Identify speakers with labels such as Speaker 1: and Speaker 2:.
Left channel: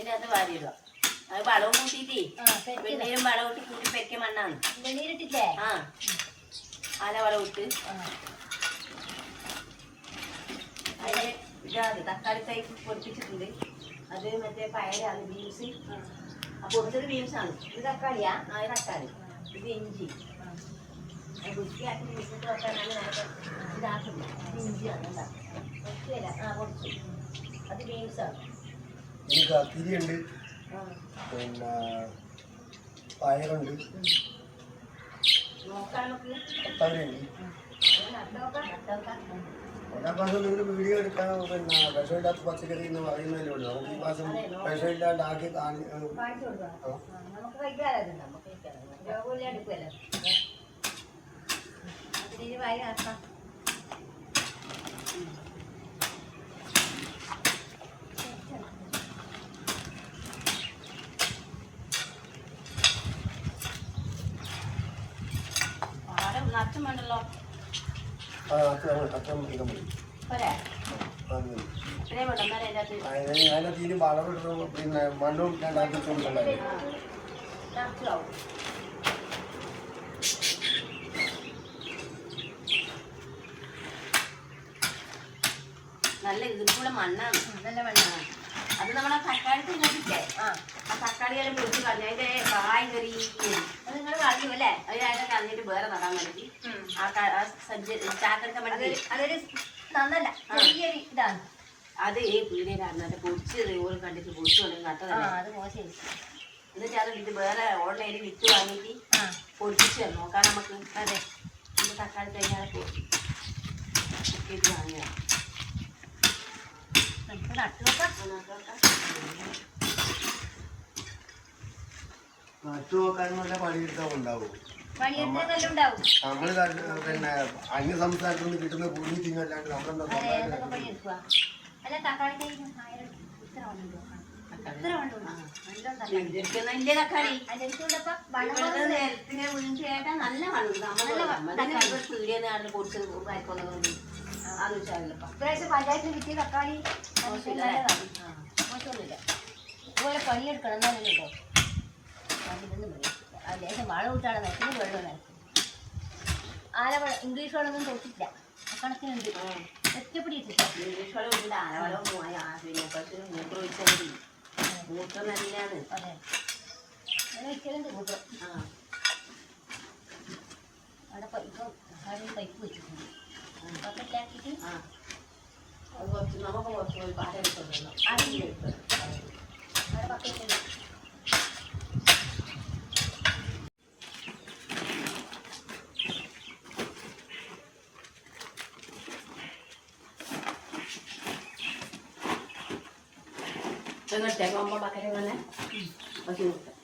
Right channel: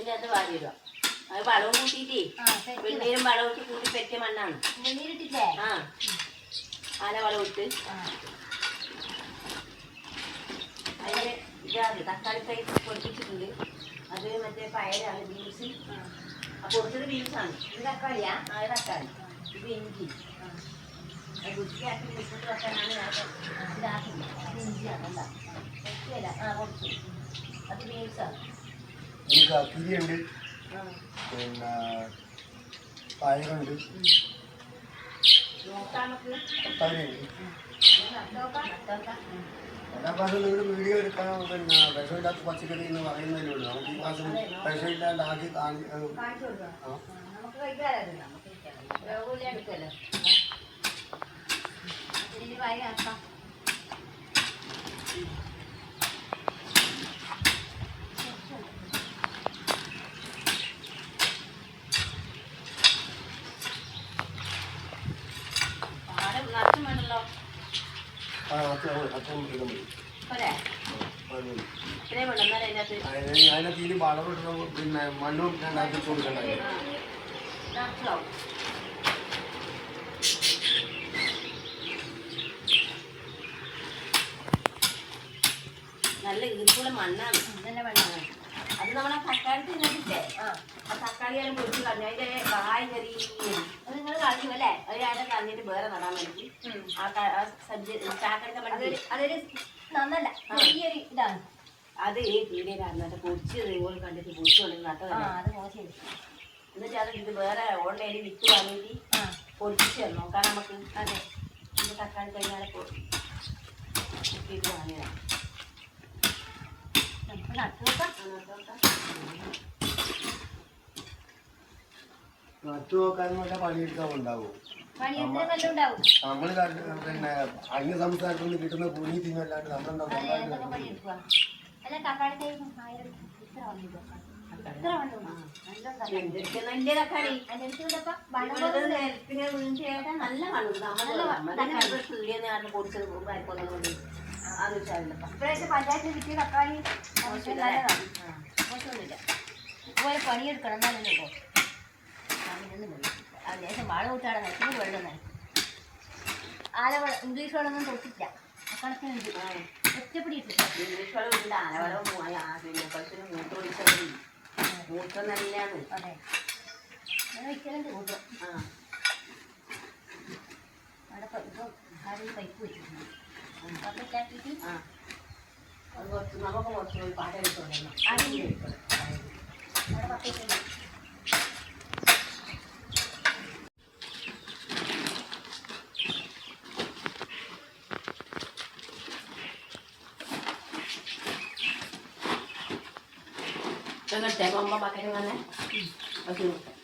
Speaker 1: അതിന്റെ അത് വാരി ഇടുക അത് വളവും കൂട്ടിയിട്ടേ വെണ്ണീരും വളവും ഇട്ട് കൂട്ടി പെറ്റിയ മണ്ണാണ്. ആ. ആന വളം ഇട്ട്. അതിന് ഇതാണ് തക്കാളി തൈ പൊടിപ്പിച്ചിട്ടുണ്ട്. അത് മറ്റേ പയറാണ് ബീൻസ്. ആ. പൊടിച്ചത് ബീൻസാണ്. ഇത് തക്കാളിയാ? ആ തക്കാളി. ഇത് ഇഞ്ചി. വൃത്തിയാക്കി ബീൻസിട്ട് വെക്കാനാണ് നേരത്തെ ഇതാക്കില്ല ഇഞ്ചിയാണ് എന്താ? വെക്കുകയില്ല ആ പൊടിച്ച്. അത് ബീൻസാണ്.
Speaker 2: ഇനി കത്തിരിയുണ്ട് പിന്നെ പയറുണ്ട്. എല്ലാ മാസവും നിങ്ങൾ വീഡിയോ എടുക്കാൻ പിന്നെ വിഷമില്ലാത്ത പച്ചക്കറി എന്ന് പറയുന്നതിലേ ഉള്ളൂ. നമുക്ക് ഈ മാസം വിഷമില്ലാണ്ടാക്കി കാണി
Speaker 1: കാണിച്ചു നമുക്ക്
Speaker 2: ആ.
Speaker 1: നമുക്ക് കഴിക്കാതെ നമുക്ക് കഴിക്കാം രോഗമില്ല എടുക്കുമല്ലോ അതിന് വായി നടത്താം പാടം നിറച്ചും വേണ്ടല്ലോ
Speaker 2: ആ അത്ര അത്ര മൃഗം മതി
Speaker 1: പോരെ
Speaker 2: അത് മതി.
Speaker 1: അത്രയും വേണം എന്നാലും അതിന്റെ അകത്ത്
Speaker 2: അതിന് അതിനെ തീരെ വളമിടണം പിന്നെ മണ്ണും രണ്ടാക്കി കൊടുക്കണ്ടായി
Speaker 1: നിറച്ചാവും നല്ല ഈർപ്പുള്ള മണ്ണാണ്.
Speaker 3: നല്ല മണ്ണാണ്.
Speaker 1: അത് നമ്മളെ തക്കാളി തിന്നിട്ടില്ലേ
Speaker 3: ആ.
Speaker 1: ആ തക്കാളിയെല്ലാം പൊടിച്ച് കളഞ്ഞു അതിന്റെ കായ് കറി
Speaker 3: അത് നിങ്ങൾ കളഞ്ഞു അല്ലേ?
Speaker 1: അത് ഞാൻ കളഞ്ഞിട്ട് വേറെ നടാൻ വേണ്ടി ആ സജ്ജ ചാക്കെടുക്കാൻ വേണ്ടി
Speaker 3: അതൊരു നന്നല്ല ചെറിയൊരു ഇതാണ്.
Speaker 1: അത് ഈ പീടിയിലായിരുന്നു അത് പൊടിച്ച് ഓൾ കണ്ടിട്ട് പൊടിച്ചു കൊണ്ട്
Speaker 3: ആ അത് മോശം.
Speaker 1: എന്നിട്ട് അത് ഇത് വേറെ ഓൺലൈനിൽ വിറ്റ് വാങ്ങിയിട്ട് തന്നു. നോക്കാൻ നമുക്ക്
Speaker 3: അതെ.
Speaker 1: ഇത് തക്കാളി കഴിഞ്ഞാൽ ഇത് വാങ്ങിയതാണ്
Speaker 3: നമുക്ക് നട്ടു നോക്കാം.
Speaker 1: നട്ടു നോക്കാം.
Speaker 2: നട്ടു നോക്കാനും വല്ല പണിയെടുക്കാൻ ഉണ്ടാവും നമ്മൾ പിന്നെ അന്യ സംസ്ഥാനത്ത് നിന്ന് കിട്ടുന്ന പുഴുങ്ങി തിന്നല്ലാണ്ട് നമ്മളെന്താ
Speaker 3: നല്ല
Speaker 1: പൊടിച്ച്
Speaker 3: ഇപ്രാവശ്യം പഞ്ചായത്തിൽ കിട്ടിയ തക്കാളി മോശമൊന്നുമില്ല. പണിയെടുക്കണം എന്നാലല്ലോ കേട്ടോ. അതിനൊന്നും പണിയെടുക്കില്ല അത് ലേശം വളം വിട്ടാണ് നനയ്ക്കുന്നത് വെള്ളം നനയ്ക്കും ആല ഇംഗ്ലീഷ് വളമൊന്നും തൊട്ടില്ല കണക്കിനുണ്ട് ഒറ്റപ്പിടി ഇട്ടില്ല
Speaker 1: ഇംഗ്ലീഷ് വളം ഉണ്ട് ആനവളം പിന്നെ പശുവിന് മൂത്രം ഒഴിച്ചാൽ മതി മൂത്രം നല്ലതാണ്
Speaker 3: അതെ അങ്ങനെ ഒരിക്കലുണ്ട് കൂട്ടം
Speaker 1: ആ.
Speaker 3: അവിടെ പൈപ്പ് ആരും പൈപ്പ് വെച്ചിട്ടുണ്ട് പക്കറ്റാക്കിയിട്ട്
Speaker 1: ആ അത് കുറച്ച് നമുക്ക് കുറച്ച് പാട്ടെടുത്തോളൂ
Speaker 3: അവിടെ പക്കറ്റുണ്ട്
Speaker 1: എന്നിട്ടേ അമ്മ അത് നോക്കാം.